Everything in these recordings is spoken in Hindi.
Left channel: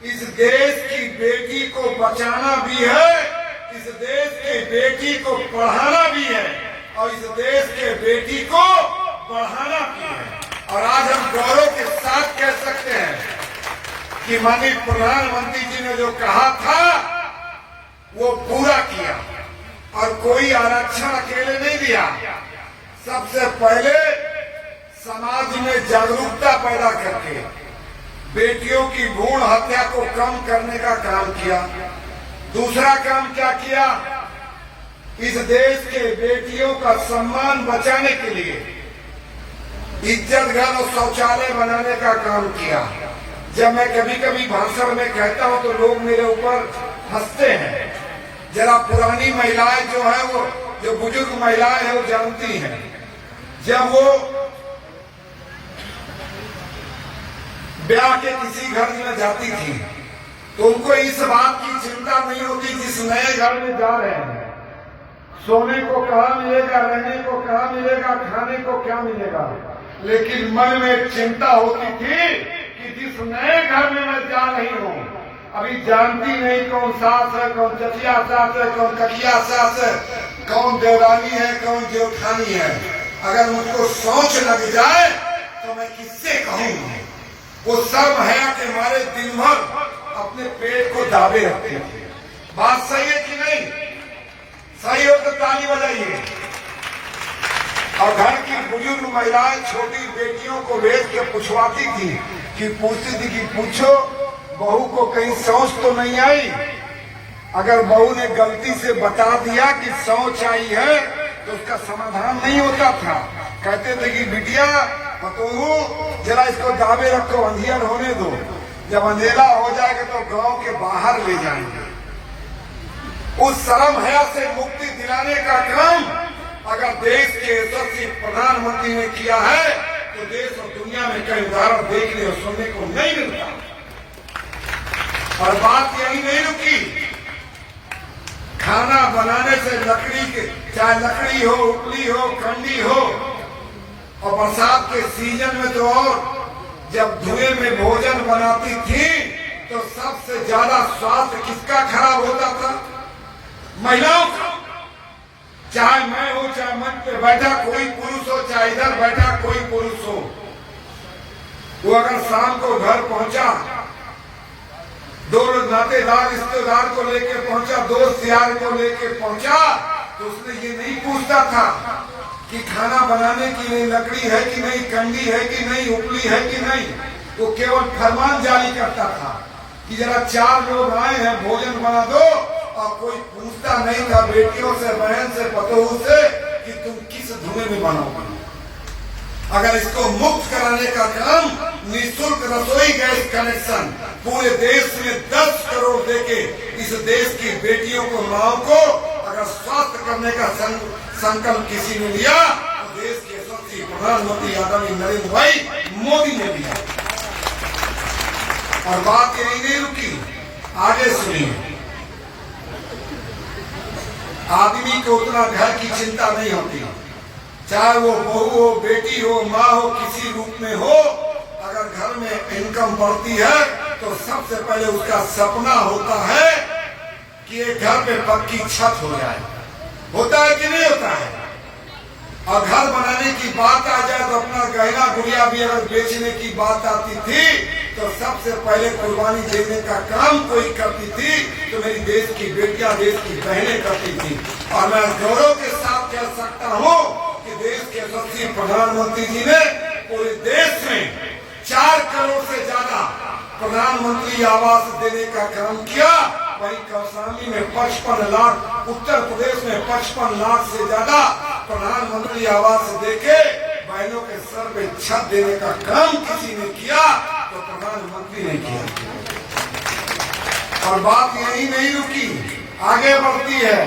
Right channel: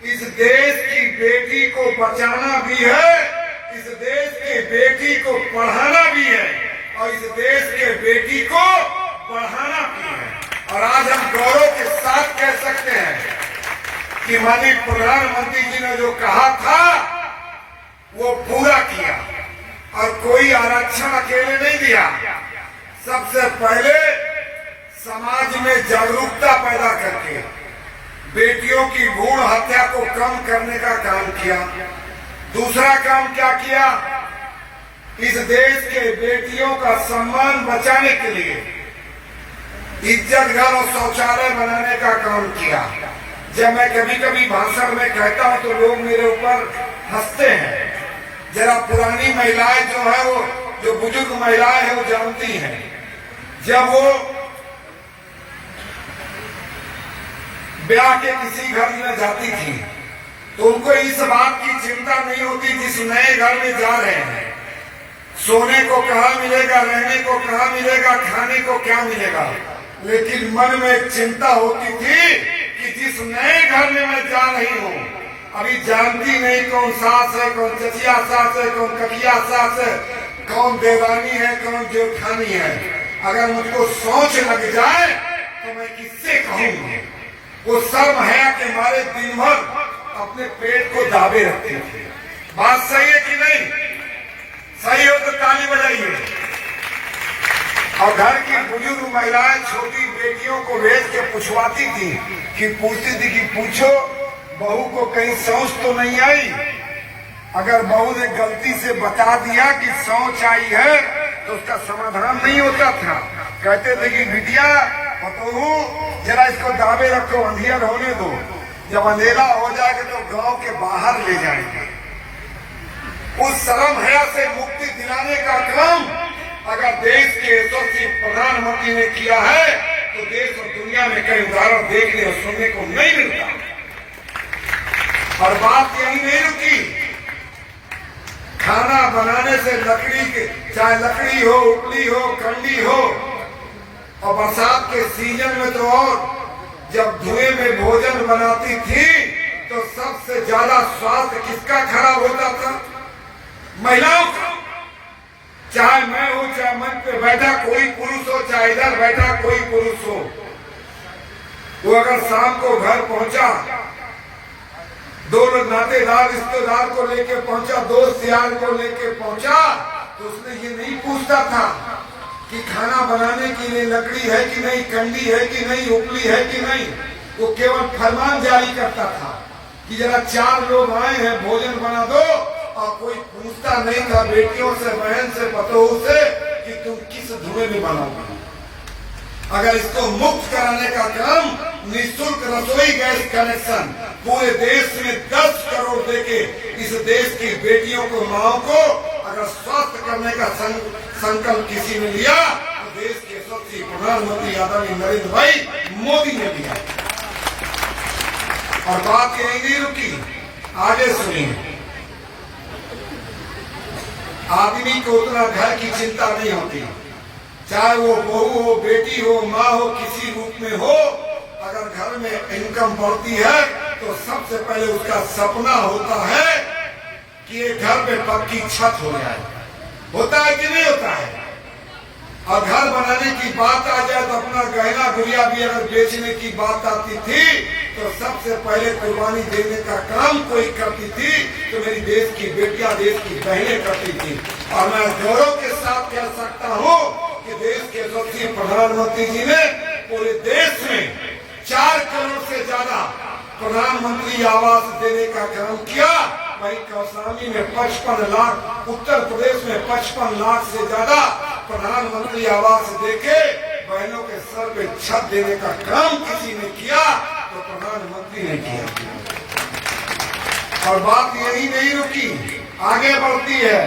इस देश की बेटी को बचाना भी है, इस देश की बेटी को पढ़ाना भी है और इस देश के बेटी को बढ़ाना भी है। और आज हम गौरव के साथ कह सकते हैं कि माननीय प्रधानमंत्री जी ने जो कहा था वो पूरा किया और कोई आरक्षण अकेले नहीं दिया। सबसे पहले समाज में जागरूकता पैदा करके बेटियों की भ्रूण हत्या को कम करने का काम किया। दूसरा काम क्या किया, इस देश के बेटियों का सम्मान बचाने के लिए इज्जत घर और शौचालय बनाने का काम किया। जब मैं कभी कभी भाषण में कहता हूं तो लोग मेरे ऊपर हंसते हैं। जरा पुरानी महिलाएं जो है वो जो बुजुर्ग महिलाएं हैं वो जानती हैं, जब वो ब्याह के किसी घर में जाती थी तो उनको इस बात की चिंता नहीं होती जिस नए घर में जा रहे हैं सोने को कहाँ मिलेगा, रहने को कहाँ मिलेगा, खाने को क्या मिलेगा, लेकिन मन में एक चिंता होती थी कि जिस नए घर में मैं जा रही हूँ अभी जानती नहीं कौन सास है, कौन चचिया सास है, कौन ककिया सास है, कौन देवानी है, कौन जेठानी है। अगर मुझको सोच लग जाए तो मैं किससे कहूँगा। वो शर्म हया के मारे दिन भर अपने पेट को दाबे रखते थे। बात सही है कि नहीं? सही हो तो ताली बजाइए। और घर की बुजुर्ग महिलाएं छोटी बेटियों को भेज के पूछवाती थी कि पूछती थी कि पूछो बहू को कहीं शौच तो नहीं आई। अगर बहू ने गलती से बता दिया कि शौच आई है तो उसका समाधान नहीं होता था। कहते थे कि बिटिया पतोहू जरा इसको दाबे रखो, अंधियार होने दो, जब अंधेरा हो जाएगा तो गांव के बाहर ले जाएंगे। उस शर्म हया से मुक्ति दिलाने का काम अगर देश के यशस्वी प्रधानमंत्री ने किया है तो देश और दुनिया में कई उदाहरण देखने और सुनने को नहीं मिलता। और बात यही नहीं रुकी, खाना बनाने से लकड़ी के, चाहे लकड़ी हो, उपली हो, कंडी हो, और बरसात के सीजन में तो और जब धुएं में भोजन बनाती थी तो सबसे ज्यादा स्वास्थ्य किसका खराब होता था? महिलाओं का। चाहे मैं हो, चाहे मंच पे बैठा कोई पुरुष हो, चाहे इधर बैठा कोई पुरुष हो, वो अगर शाम को घर पहुंचा, दो नातेदार रिश्तेदार को लेके पहुंचा, दोस्त यार को लेके पहुंचा, तो उसने ये नहीं पूछता था कि खाना बनाने के लिए लकड़ी है कि नहीं, कंडी है कि नहीं, उपली है कि नहीं। वो केवल फरमान जारी करता था कि जरा 4 लोग आए हैं, भोजन बना दो। और कोई पूछता नहीं था बेटियों से, बहन से, पतोहू से कि तुम किस धुएं में बनाओगे। अगर इसको मुक्त कराने का काम निःशुल्क रसोई गैस कनेक्शन पूरे देश में 10 करोड़ देके इस देश की बेटियों को, माओं को अगर स्वस्थ करने का संकल्प किसी ने लिया तो देश के यशस्वी प्रधानमंत्री आदरणीय नरेंद्र भाई मोदी ने लिया। और बात यही नहीं रुकी, आगे सुनिए। आदमी को उतना घर की चिंता नहीं होती, चाहे वो बहू हो, बेटी हो, माँ हो, किसी रूप में हो। अगर घर में इनकम बढ़ती है तो सबसे पहले उसका सपना होता है कि ये घर पे पक्की छत हो जाए। होता है कि नहीं होता है? और घर बनाने की बात आ जाए तो अपना गहना गुड़िया भी अगर बेचने की बात आती थी तो सबसे पहले कुर्बानी देने का काम कोई करती थी तो मेरी देश की बेटियां, देश की बहनें करती थी। और मैं गौरव के साथ कह सकता हूँ कि देश के यशस्वी प्रधानमंत्री जी ने पूरे देश में 4 करोड़ से ज्यादा प्रधानमंत्री आवास देने का काम किया। वहीं कौसानी में 55 लाख, उत्तर प्रदेश में 55 लाख से ज्यादा प्रधानमंत्री आवास देके बहनों के सर पे छत देने का काम किसी ने किया तो प्रधानमंत्री ने किया। और बात यही नहीं रुकी, आगे बढ़ती है।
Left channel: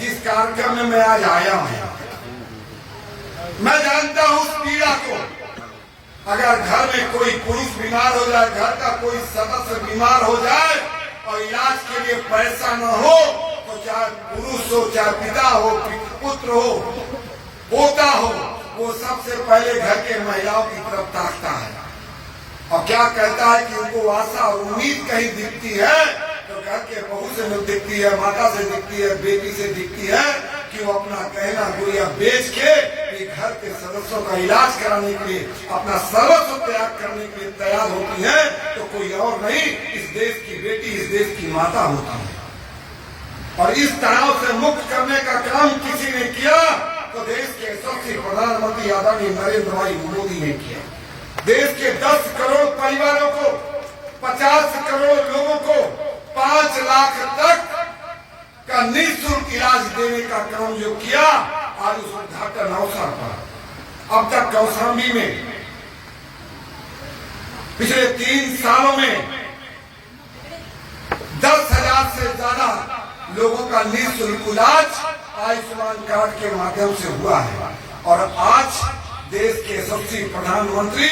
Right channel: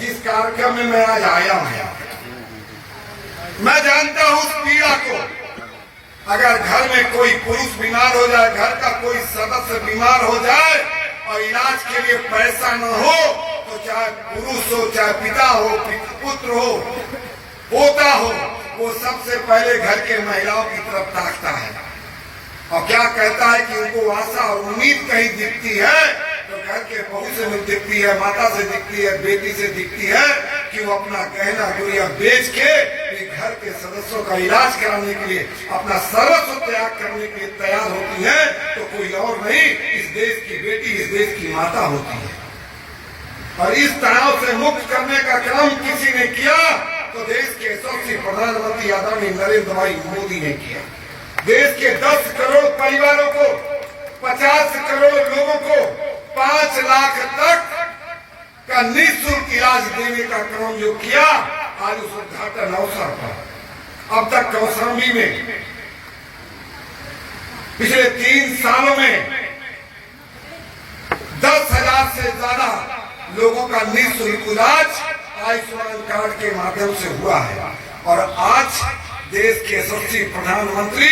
जिस कार्यक्रम में मैं आज आया हूं, मैं जानता हूं उस पीड़ा को। अगर घर में कोई पुरुष बीमार हो जाए, घर का कोई सदस्य बीमार हो जाए और इलाज के लिए पैसा न हो तो चाहे पुरुष हो, चाहे पिता हो, पुत्र हो, पोता हो, वो सबसे पहले घर के महिलाओं की तरफ ताकता है। और क्या कहता है कि उनको आशा और उम्मीद कहीं दिखती है तो घर के बहू से दिखती है, माता से दिखती है, बेटी से दिखती है कि वो अपना गहना गुड़िया बेच के घर के सदस्यों का इलाज कराने के लिए अपना सर्वस्व त्याग करने के लिए तैयार होती है, तो कोई और नहीं, इस देश की बेटी, इस देश की माता होती है। और इस तनाव से मुक्त करने का काम किसी ने किया तो देश के यशस्वी प्रधानमंत्री आदरणीय नरेंद्र भाई मोदी ने किया। देश के 10 करोड़ परिवारों को, 50 करोड़ लोगों को 5 लाख तक का निःशुल्क इलाज देने का काम जो किया, आज उस उद्घाटन अवसर पर अब तक कौशाम्बी में पिछले 3 सालों में 10,000 से ज्यादा लोगों का निःशुल्क इलाज आयुष्मान कार्ड के माध्यम से हुआ है। और आज देश के यशस्वी प्रधानमंत्री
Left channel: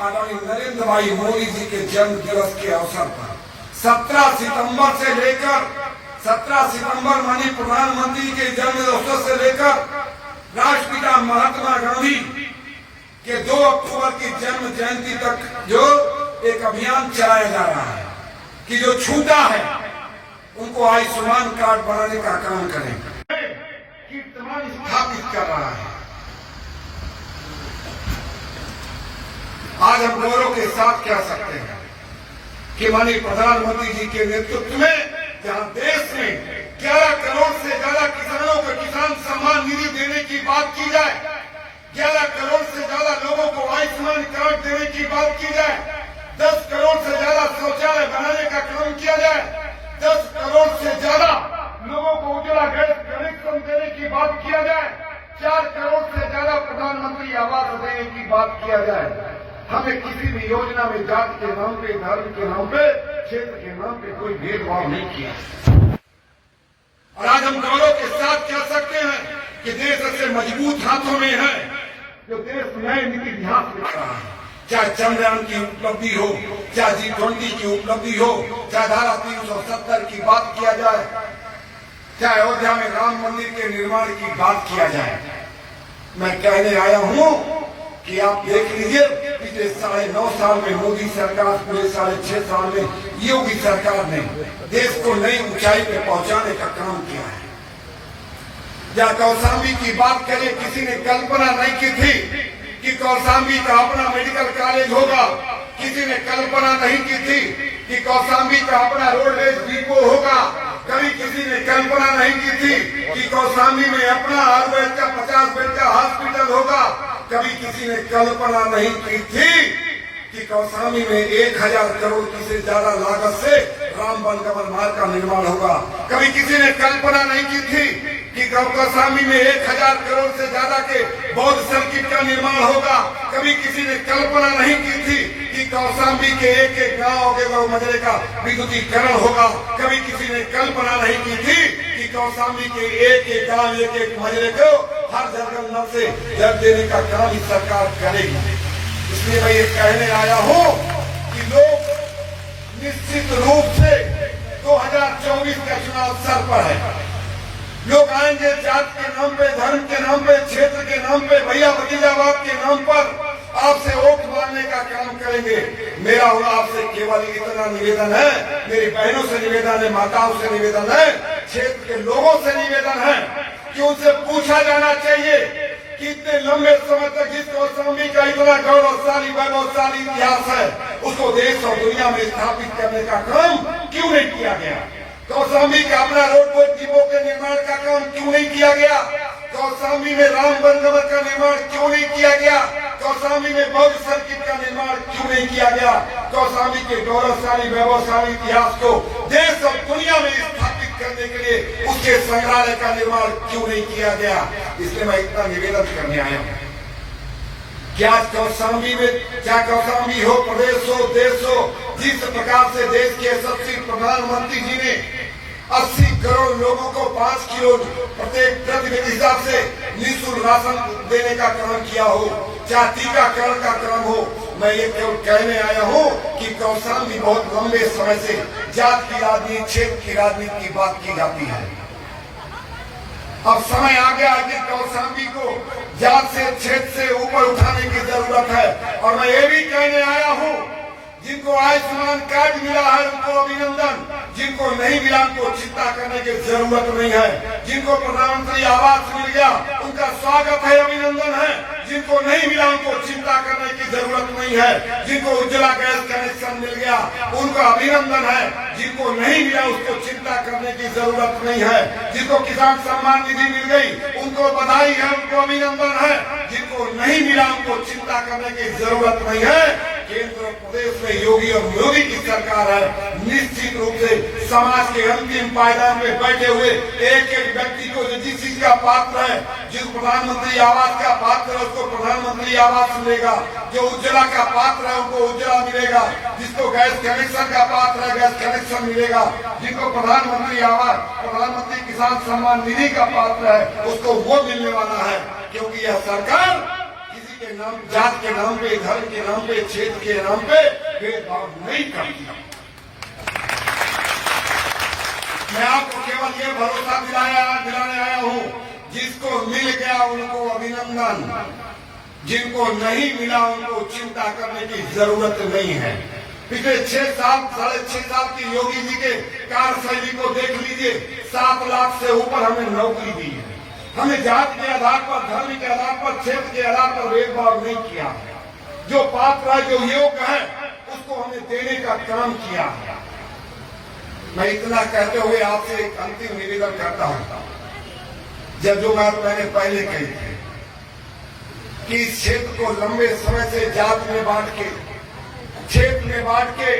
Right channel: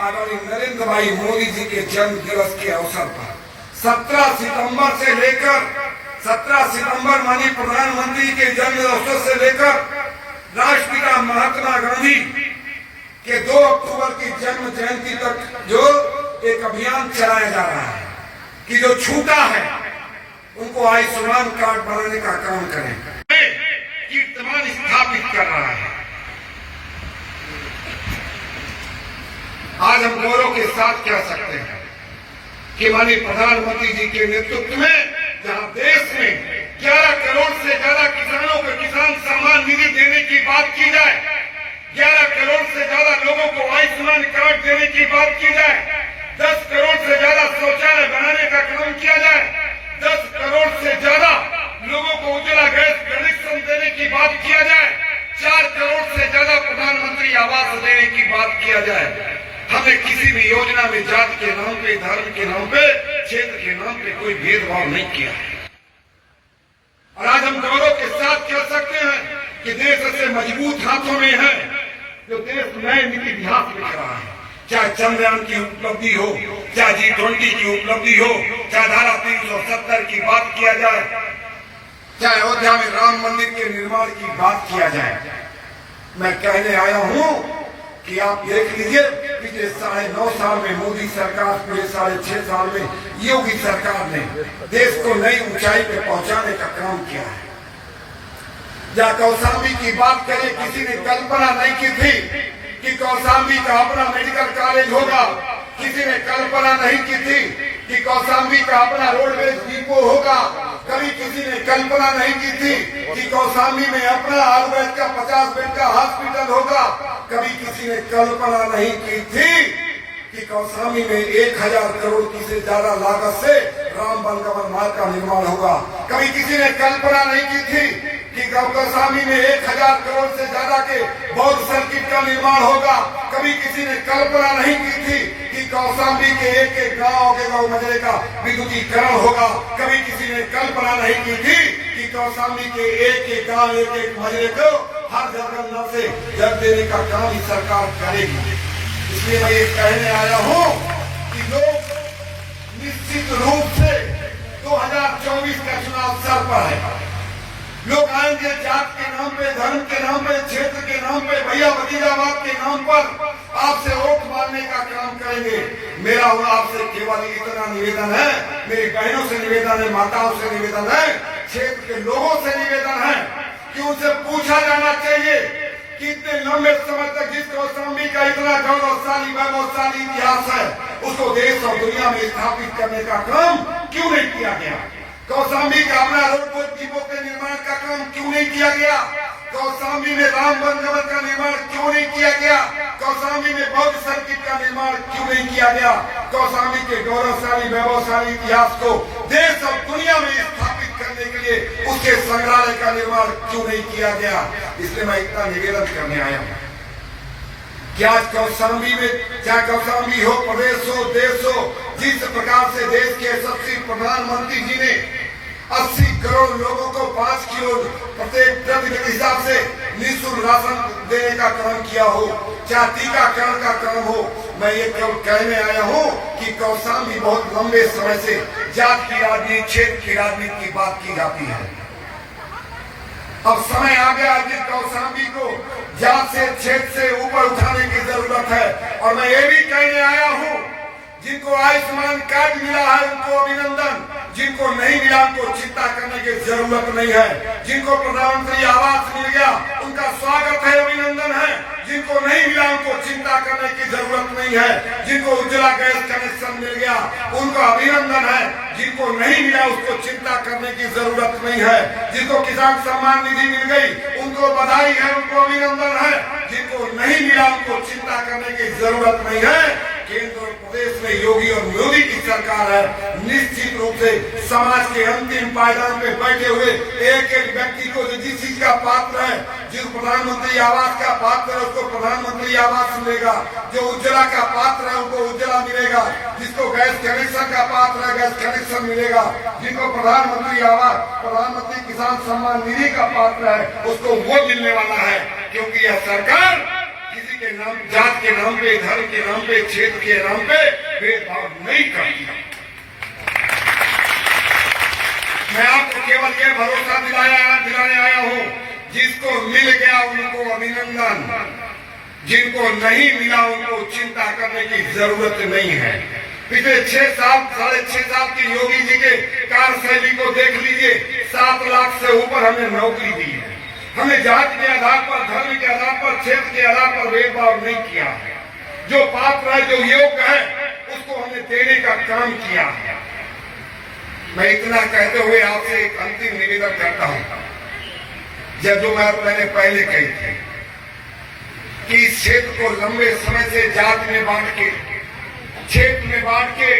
आदरणीय नरेंद्र भाई मोदी जी के जन्म दिवस के अवसर पर 17 सितंबर माननीय प्रधानमंत्री के जन्म दिवस से लेकर राष्ट्रपिता महात्मा गांधी के 2 अक्टूबर की जन्म जयंती तक जो एक अभियान चलाया जा रहा है कि जो छूटा है उनको आयुष्मान कार्ड बनाने का काम करें, कीर्तिमान स्थापित कर रहा है। आज हम गौरव के साथ कह सकते हैं कि माननीय प्रधानमंत्री जी के नेतृत्व में जहां देश में 11 करोड़ से ज्यादा किसानों को किसान सम्मान निधि देने की बात की जाए, 11 करोड़ से ज्यादा लोगों को आयुष्मान कार्ड देने की बात की जाए, 10 करोड़ से ज्यादा शौचालय बनाने का काम किया जाए, 10 करोड़ से ज्यादा लोगों को उज्ज्वला गैस कनेक्शन देने की बात किया जाए, 4 करोड़ से ज्यादा प्रधानमंत्री आवास देने की बात किया जाए, हमने किसी भी योजना में जाति के नाम पे, धर्म के नाम पे, क्षेत्र के नाम पे कोई भेदभाव नहीं किया है। और आज हम गौरव के साथ कह सकते हैं कि देश ऐसे मजबूत हाथों में है जो देश नए इतिहास लिख रहा है। चाहे चंद्रयान की उपलब्धि हो, चाहे G20 की उपलब्धि हो, चाहे धारा 370 की बात किया जाए, चाहे अयोध्या में राम मंदिर के निर्माण की बात किया जाए। मैं कहने आया हूं कि आप देख लीजिए पिछले 9.5 साल में मोदी सरकार, पूरे 6.5 साल में योगी सरकार ने देश को नई ऊंचाई पे पहुंचाने का काम किया है। या कौशाम्बी की बात करें, किसी ने कल्पना नहीं की थी कि कौशाम्बी का अपना मेडिकल कॉलेज होगा, किसी ने कल्पना नहीं की थी कि कौशाम्बी का अपना रोडवेज डिपो होगा, कभी किसी ने कल्पना नहीं की थी कि कौशाम्बी में अपना हर बेड का 50 बेड का हॉस्पिटल होगा, कभी किसी ने कल्पना नहीं की थी कि कौशाम्बी में 1000 करोड़ की से ज्यादा लागत से राम वनगमन मार्ग का निर्माण होगा, कभी किसी ने कल्पना नहीं की थी कि कौशाम्बी में 1000 करोड़ से ज्यादा के बौद्ध सर्किट का निर्माण होगा, कभी किसी ने कल्पना नहीं की थी कि कौशाम्बी के एक गांव के गांव मजरे का विद्युतीकरण होगा, कभी किसी ने कल्पना नहीं की थी कि कौशाम्बी के एक गांव एक मजरे को हर जगह नल से जल देने का काम ही सरकार करेगी। इसलिए मैं ये कहने आया हूँ कि लोग निश्चित रूप से 2024 का चुनाव सर पर है। लोग आएंगे जात के नाम पे, धर्म के नाम पे, क्षेत्र के नाम पे, भैया भतीजावाद के नाम पर आपसे वोट मारने का काम करेंगे। मेरा और आपसे केवल इतना निवेदन है, मेरी बहनों से निवेदन है, माताओं से निवेदन है, क्षेत्र के लोगों से निवेदन है कि उनसे पूछा जाना चाहिए कि इतने लंबे समय तक जिस कौशाम्बी का इतना गौरवशाली वैभवशाली इतिहास है, उसको देश और दुनिया में स्थापित करने का काम क्यों नहीं किया गया? कौशाम्बी का अपना रोडवेज डिपो के निर्माण का काम क्यों नहीं किया गया? कौशाम्बी में राम वनगमन का निर्माण क्यों नहीं किया गया? कौशाम्बी में बौद्ध सर्किट का निर्माण क्यों नहीं किया गया? कौशाम्बी के गौरवशाली वैभवशाली इतिहास को देश और दुनिया में स्थापित करने के लिए उसके संग्रहालय का निर्माण क्यों नहीं किया गया? इसलिए मैं इतना निवेदन करने आया हूँ कि आज कौशाम्बी में, चाहे कौशाम्बी हो, प्रदेश हो, देश हो, जिस प्रकार से देश के यशस्वी प्रधानमंत्री जी ने 80 करोड़ लोगों को 5 किलो प्रत्येक व्यक्ति हिसाब से निःशुल्क राशन देने का काम किया हो, चाहे टीकाकरण का काम हो, मैं ये कहने आया हूँ कि कौशाम्बी बहुत लंबे समय से जात की राजनीति, क्षेत्र की राजनीति की बात की जाती है। अब समय आ गया है कि कौशाम्बी को जात से, क्षेत्र से ऊपर उठाने की जरूरत है। और मैं ये भी कहने आया हूँ जिनको आयुष्मान कार्ड मिला है उनको अभिनंदन, जिनको नहीं मिला उनको चिंता करने की जरूरत नहीं है। जिनको प्रधानमंत्री आवास मिल गया उनका स्वागत है, अभिनंदन है। जिनको नहीं मिला उनको चिंता करने की जरूरत नहीं है। जिनको उज्ज्वला गैस कनेक्शन मिल गया उनको अभिनंदन है। जिनको नहीं मिला उसको चिंता करने की जरूरत नहीं है। जिनको किसान सम्मान निधि मिल गई उनको बधाई है, उनको अभिनंदन है। जिनको नहीं मिला उनको चिंता करने की जरूरत नहीं है। केंद्र और प्रदेश में योगी और मोदी की सरकार है। निश्चित रूप से समाज के अंतिम पायदान में बैठे हुए एक एक व्यक्ति को जो जिस चीज का पात्र है, जिस प्रधानमंत्री आवास का पात्र है उसको प्रधानमंत्री आवास मिलेगा, जो उज्ज्वला का पात्र है उनको उज्ज्वला मिलेगा, जिसको गैस कनेक्शन का पात्र है गैस कनेक्शन मिलेगा, जिनको प्रधानमंत्री आवास प्रधानमंत्री किसान सम्मान निधि का पात्र है उसको वो मिलने वाला है। क्योंकि यह सरकार किसी के नाम, जात के नाम पे, धर्म के नाम पे, क्षेत्र के नाम पे भेदभाव नहीं करती। मैं आपको केवल ये भरोसा दिलाने आया हूँ, जिसको मिल गया उनको अभिनंदन, जिनको नहीं मिला उनको चिंता करने की जरूरत नहीं है। पिछले 6 साल, 6.5 साल की योगी जी के कार्यशैली को देख लीजिए। 7 लाख से ऊपर हमें नौकरी दी है। हमने जात के आधार पर, धर्म के आधार पर, क्षेत्र के आधार पर भेदभाव नहीं किया है। जो पात्र है, जो योग्य है उसको हमने देने का काम किया है। मैं इतना कहते हुए आपसे एक अंतिम निवेदन करता हूं। जब जो बात मैंने पहले कही थी कि इस क्षेत्र को लंबे समय से जात में बांट के, क्षेत्र में बांट के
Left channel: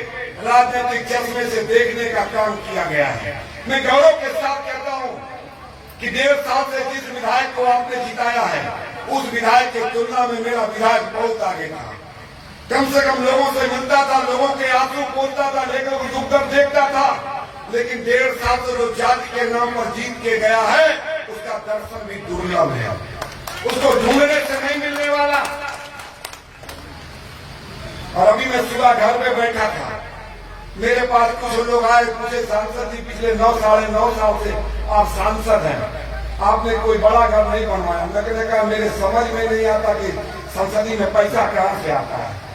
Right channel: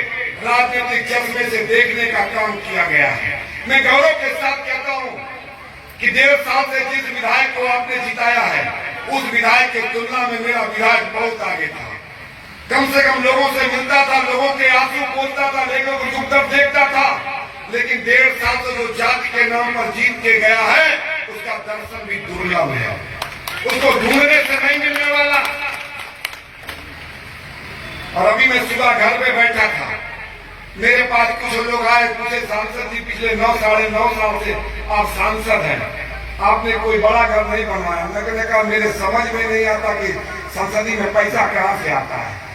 राजनीतिक चश्मे से देखने का काम किया गया है। मैं गौरव के साथ कहता हूं कि 1.5 साल से जिस विधायक को आपने जिताया है उस विधायक की तुलना में मेरा विधायक बहुत आगे था। कम से कम लोगों से मिलता था, लोगों के आंसू पोंछता था, लेकर वो दुख दर्द देखता था। लेकिन 1.5 साल से जो जाति के नाम पर जीत के गया है उसका दर्शन भी दुर्लभ है, उसको ढूंढने से नहीं मिलने वाला। और अभी मैं सुबह घर में बैठा था, मेरे पास कुछ लोग आए, पूछे सांसद जी पिछले 9 साढ़े 9 साल से आप सांसद हैं, आपने कोई बड़ा घर नहीं बनवाया। मैंने कहा मेरे समझ में नहीं आता कि संसदी में पैसा कहाँ से आता है।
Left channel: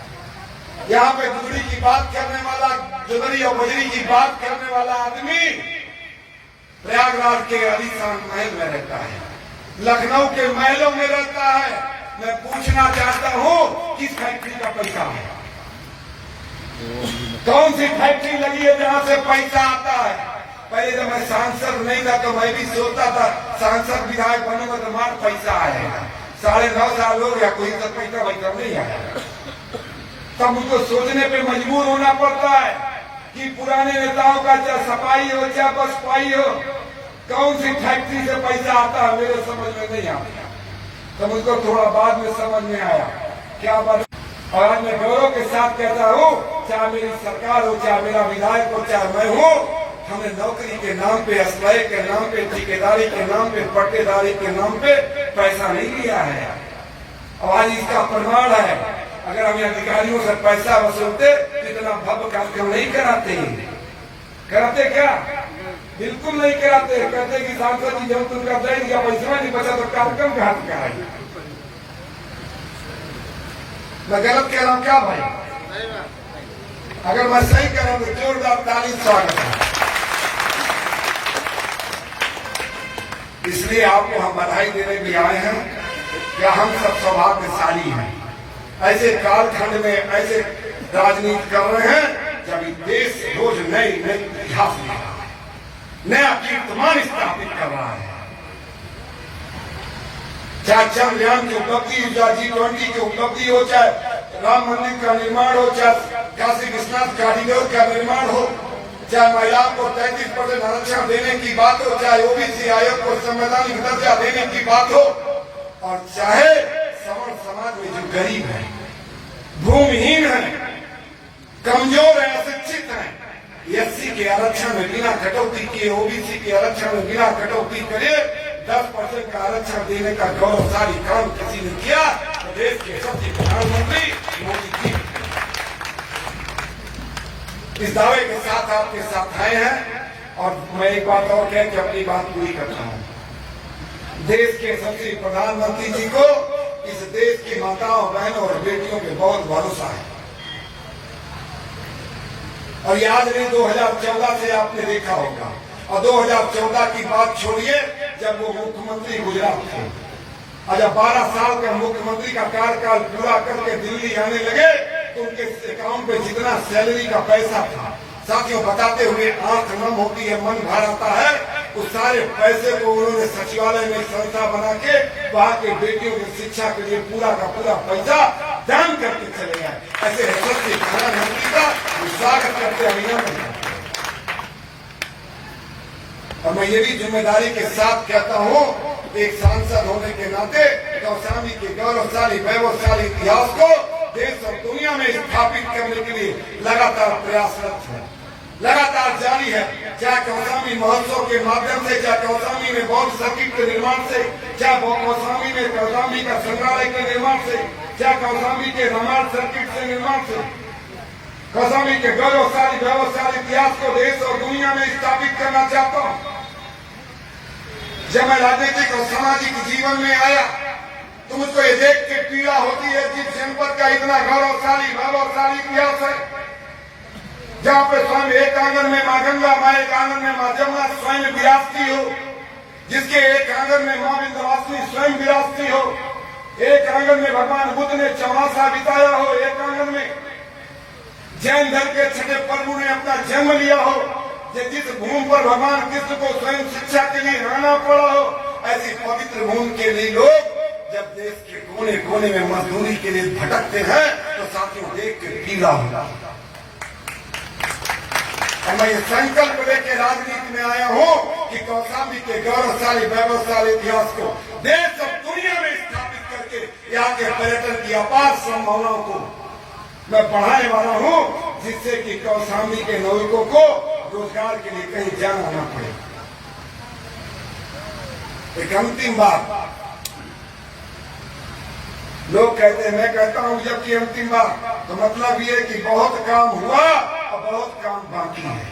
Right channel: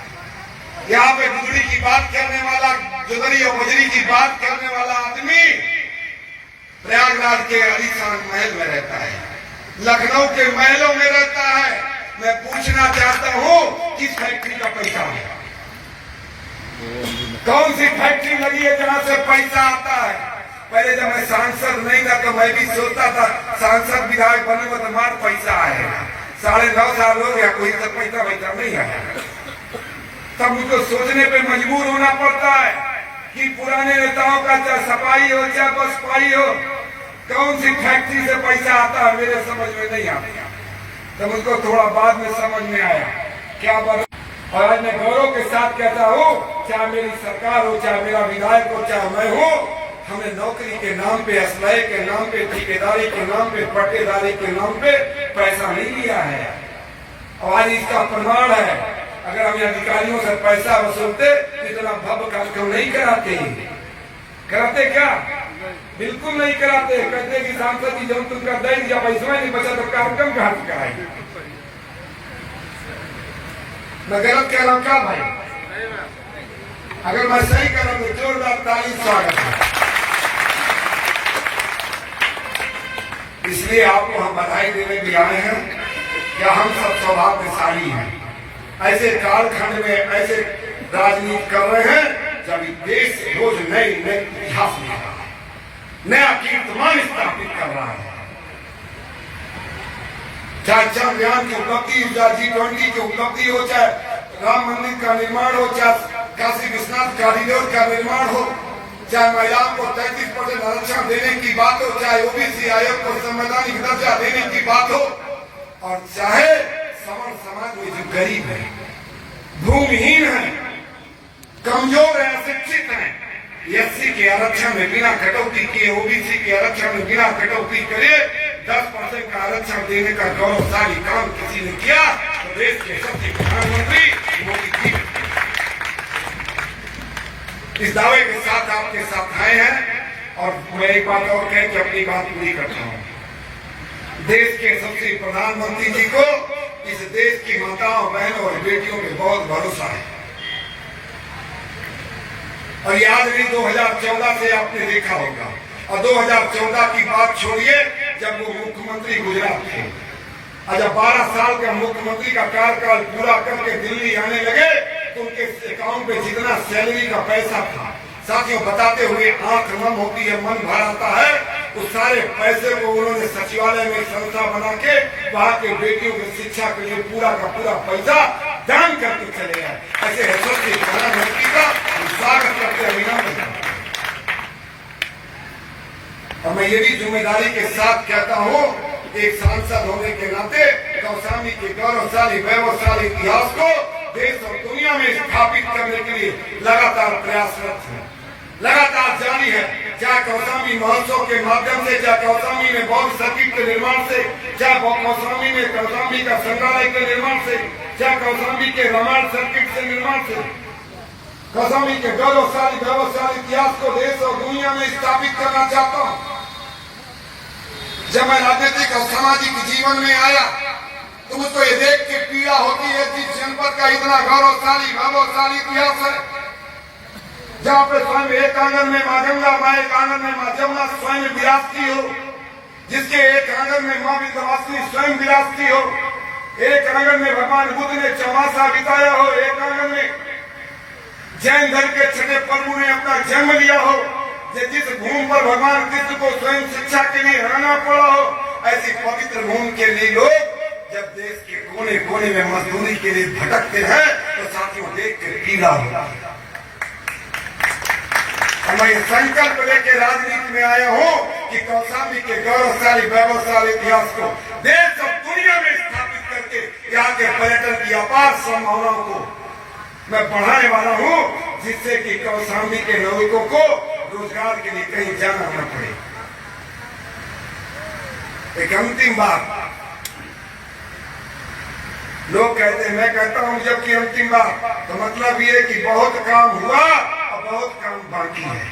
यहाँ पे गुजरी की बात करने वाला, जुदरी और बजरी की बात करने वाला आदमी प्रयागराज के आलीशान महल में रहता है, लखनऊ के महलों में रहता है। मैं पूछना चाहता हूँ किस फैक्ट्री का पैसा है, कौन सी फैक्ट्री लगी है जहाँ से पैसा आता है। पहले जब मैं सांसद नहीं था तो मैं भी सोचता था सांसद विधायक बनूंगा तो मार पैसा आएगा। 9.5 साल हो गया, कोई तो पैसा वैसा नहीं आया। तब मुझको सोचने पे मजबूर होना पड़ता है कि पुराने नेताओं का चाहे सफाई हो चाहे बसपाई हो, कौन सी फैक्ट्री से पैसा आता है मेरे समझ में नहीं आता। तो मुझको थोड़ा बाद में समझ में आया क्या बात। और आज मैं गौरव के साथ कहता हूँ, चाहे मेरी सरकार हो, चाहे मेरा विधायक हो, चाहे मैं हूँ, हमने नौकरी के नाम पे, असलाहे के नाम पे, ठेकेदारी के नाम पे, पट्टेदारी के नाम पे पैसा नहीं लिया है। और आज इसका प्रमाण है, अगर हम अधिकारियों से पैसा वसूलते इतना भव्य कार्यक्रम नहीं कराते। कराते क्या? बिल्कुल नहीं कराते। कहते कि सांसद जी जब तुम कर देंगे, जब पैसा नहीं बचा तो कार्यक्रम कहाँ से कराएंगे। मैं गलत कह रहा हूँ क्या भाई? अगर मैं सही कह रहा हूँ तो जोरदार ताली स्वागत है। इसलिए आपको हम बधाई देने भी आए हैं क्या हम सब सौभाग्यशाली हैं। ऐसे कालखंड में ऐसे राजनीति कर रहे हैं जब देश रोज नए इतिहास में नया कीर्तिमान स्थापित कर रहा है। चाहे चंद्रयान की उपलब्धि हो, चाहे G20 की उपलब्धि हो, चाहे राम मंदिर का निर्माण हो, चाहे काशी विश्वनाथ कॉरिडोर का निर्माण हो, चाहे महिलाओं को 33% आरक्षण देने की बात हो, चाहे ओबीसी आयोग को संवैधानिक दर्जा देने की बात हो, और चाहे सवर्ण समाज में जो गरीब है, भूमिहीन है, कमजोर है, अशिक्षित है, एससी के आरक्षण में बिना कटौती किए, ओबीसी के आरक्षण में बिना कटौती करे 10% का आरक्षण देने का गौरवशाली काम किसी ने किया तो देश के सबसे प्रधानमंत्री मोदी जी इस दावे के साथ आपके साथ आए हैं। और मैं एक बात और कह के अपनी बात पूरी करता हूँ। देश के सबसे प्रधानमंत्री जी को इस देश की माताओं, बहनों और बेटियों पे बहुत भरोसा है। और ये आज नहीं 2014 से आपने देखा होगा। और 2014 की बात छोड़िए, जब वो मुख्यमंत्री गुजरात थे और जब 12 साल का मुख्यमंत्री का कार्यकाल पूरा करके दिल्ली आने लगे तो उनके अकाउंट पे जितना सैलरी का पैसा था, साथियों बताते हुए आंख नम होती है, मन भर आता है। उस सारे पैसे को उन्होंने सचिवालय में संस्था बना के वहाँ के बेटियों की शिक्षा के लिए पूरा का पूरा पैसा दान करके चले गए। ऐसे यशस्वी प्रधानमंत्री का स्वागत करते अभिनंदन करते। और मैं ये भी जिम्मेदारी के साथ कहता हूँ, एक सांसद होने के नाते कौशाम्बी के गौरवशाली वैभवशाली इतिहास को देश और दुनिया में स्थापित करने के लिए लगातार प्रयासरत है, लगातार जारी है। चाहे कौशाम्बी महोत्सव के माध्यम से, चाहे कौशाम्बी में बौद्ध सर्किट के निर्माण से, चाहे कौशाम्बी में कौशाम्बी का संग्रहालय के निर्माण से, चाहे कौशाम्बी के रामायण सर्किट से निर्माण से, कौशाम्बी के गौरवशाली वैभवशाली इतिहास को देश और दुनिया में स्थापित करना चाहता हूँ। जब मैं राजनीतिक और सामाजिक जीवन में आया तो मुझको ये देख के पीड़ा होती है, जिस जनपद का इतना गौरवशाली वैभवशाली इतिहास है, जहाँ पे स्वयं एक आंगन में माँ गंगा, माँ एक आंगन में माँ जमुना स्वयं विराजती हो, जिसके एक आंगन में माँ विंध्यवासिनी स्वयं विराजती हो, एक आंगन में भगवान बुद्ध ने चौमासा बिताया हो, एक आंगन में जैन धर्म के छठे प्रभु ने अपना जन्म लिया हो, जिस भूमि पर भगवान कृष्ण को स्वयं शिक्षा के लिए रहना पड़ा हो, ऐसी पवित्र भूमि के लिए लोग जब देश के कोने कोने में मजदूरी के लिए भटकते हैं तो साथियों देख के पीड़ा होता है। और मैं संकल्प लेके राजनीति में आया हूँ कि कौशाम्बी के गौरवशाली वैभवशाली इतिहास को देश और दुनिया में स्थापित करके यहाँ के पर्यटन की अपार संभावनाओं को मैं बढ़ाने वाला हूँ, जिससे कि कौशाम्बी के नागरिकों को रोजगार के लिए कहीं जाना न पड़े। एक अंतिम बात, लोग कहते हैं, मैं कहता हूं जबकि अंतिम बात, तो मतलब ये कि बहुत काम हुआ और बहुत काम बाकी है।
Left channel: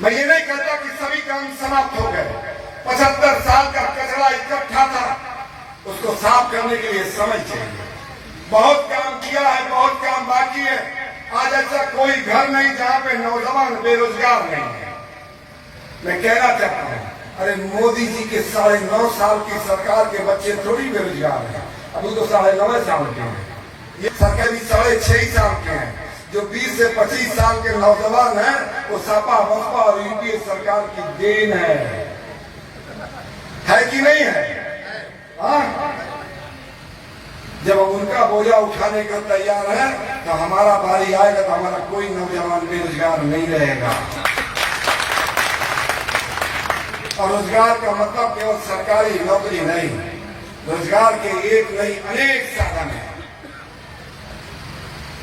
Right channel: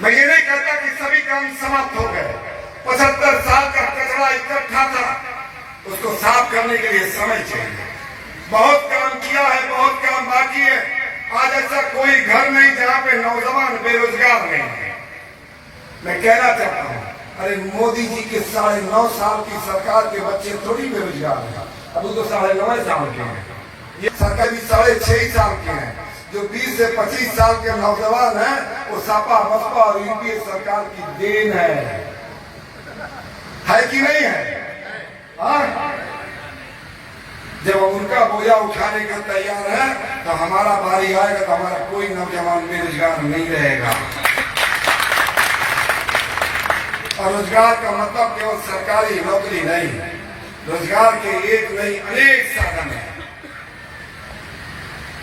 मैं ये नहीं कहता कि सभी काम समाप्त हो गए। 75 साल का कचरा इकट्ठा था, उसको साफ करने के लिए समय चाहिए। बहुत काम किया है, बहुत काम बाकी है। आज ऐसा कोई घर नहीं जहाँ पे नौजवान बेरोजगार नहीं है। मैं कहना चाहता हूँ, अरे मोदी जी के 9.5 साल की सरकार के बच्चे थोड़ी बेरोजगार हैं, अभी तो 9.5 साल के हैं। ये सरकार भी 6.5 साल के हैं। जो 20 से 25 साल के नौजवान हैं वो सपा बसपा और यूपीए सरकार की देन है कि नहीं है? हाँ, जब उनका बोझा उठाने को तैयार है तो हमारा बारी आएगा तो हमारा कोई नौजवान बेरोजगार नहीं रहेगा। और रोजगार का मतलब केवल सरकारी नौकरी नहीं, रोजगार के एक नहीं अनेक साधन है।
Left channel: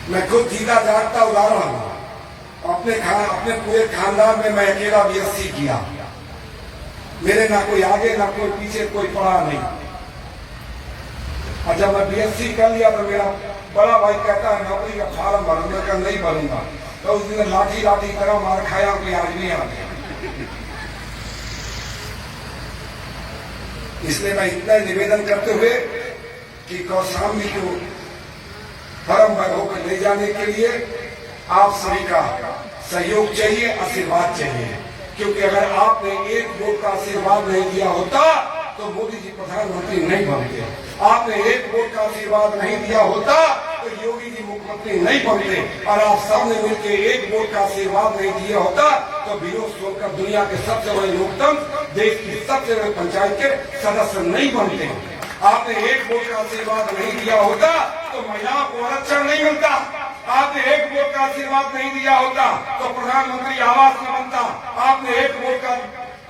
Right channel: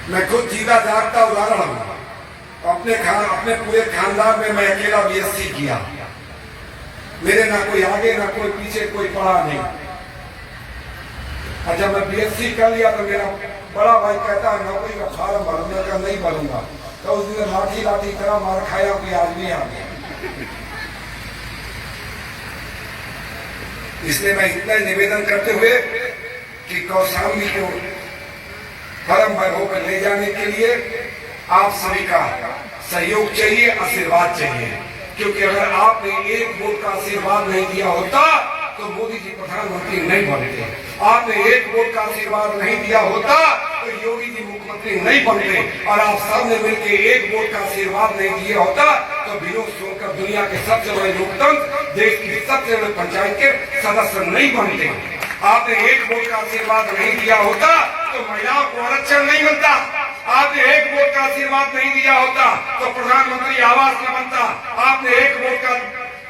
मैं खुद जीता जागता उदाहरण हूँ। अपने पूरे खानदान में मैं अकेला बीएससी किया। मेरे ना कोई आगे ना कोई पीछे, कोई पढ़ा नहीं। और जब मैं बीएससी कर लिया तो मेरा बड़ा भाई कहता है नौकरी का फार्म भरूंगा, क्या नहीं भरूंगा। तो उस दिन लाठी लाठी तरह मार खाया कि आज नहीं आ गया। इसलिए मैं इतना निवेदन करते हुए कि कौशाम्बी को परम वैभव पर ले जाने के लिए आप सभी का सहयोग चाहिए, आशीर्वाद चाहिए। क्योंकि अगर आपने एक वोट का आशीर्वाद नहीं दिया होता तो मोदी जी प्रधानमंत्री नहीं बनते। आपने एक वोट का आशीर्वाद नहीं दिया होता तो योगी जी मुख्यमंत्री नहीं बनते। और आप सबने मिलकर एक वोट का आशीर्वाद नहीं दिया होता तो विनोद सोनकर दुनिया के सबसे बड़े लोकतंत्र, देश की सबसे बड़े पंचायत के सदस्य नहीं बनते। आपने एक वोट का आशीर्वाद नहीं दिया होता तो महिलाओं को आरक्षण नहीं मिलता। आपने एक वोट का आशीर्वाद नहीं दिया होता तो प्रधानमंत्री आवास न बनता। आपने एक वोट का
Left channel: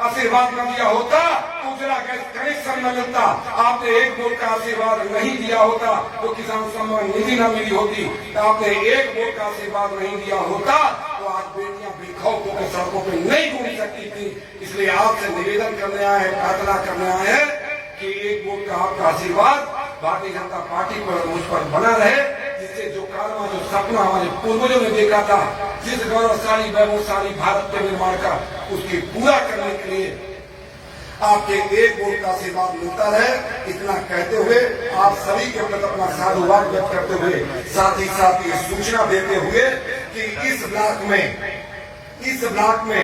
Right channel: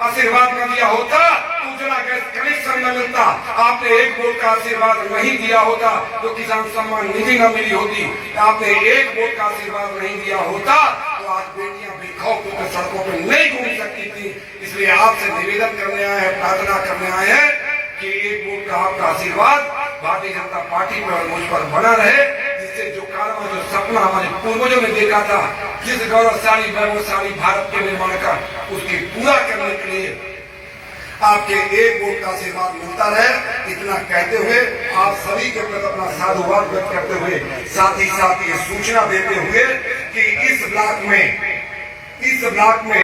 आशीर्वाद न दिया होता तो उज्ज्वला गैस कनेक्शन न मिलता। आपने एक वोट का आशीर्वाद नहीं दिया होता तो किसान सम्मान निधि न मिली होती। आपने एक वोट का आशीर्वाद नहीं दिया होता तो आज बेटियां बेखौफ होकर सड़कों पर नहीं घूम सकती थी। इसलिए आपसे निवेदन करने आए हैं, प्रार्थना करने आए हैं कि एक वोट का आपका आशीर्वाद भारतीय जनता पार्टी पर मुझ पर बना रहे, जिससे जो कारवा जो सपना हमारे पूर्वजों ने देखा था, जिस गौरवशाली वैभवशाली भारत के निर्माण का, उसके पूरा करने के लिए आपके एक वोट का आशीर्वाद मिलता रहे। इतना कहते हुए आप सभी के प्रति अपना साधुवाद व्यक्त करते हुए साथ ही ये सूचना देते हुए कि इस ब्लॉक में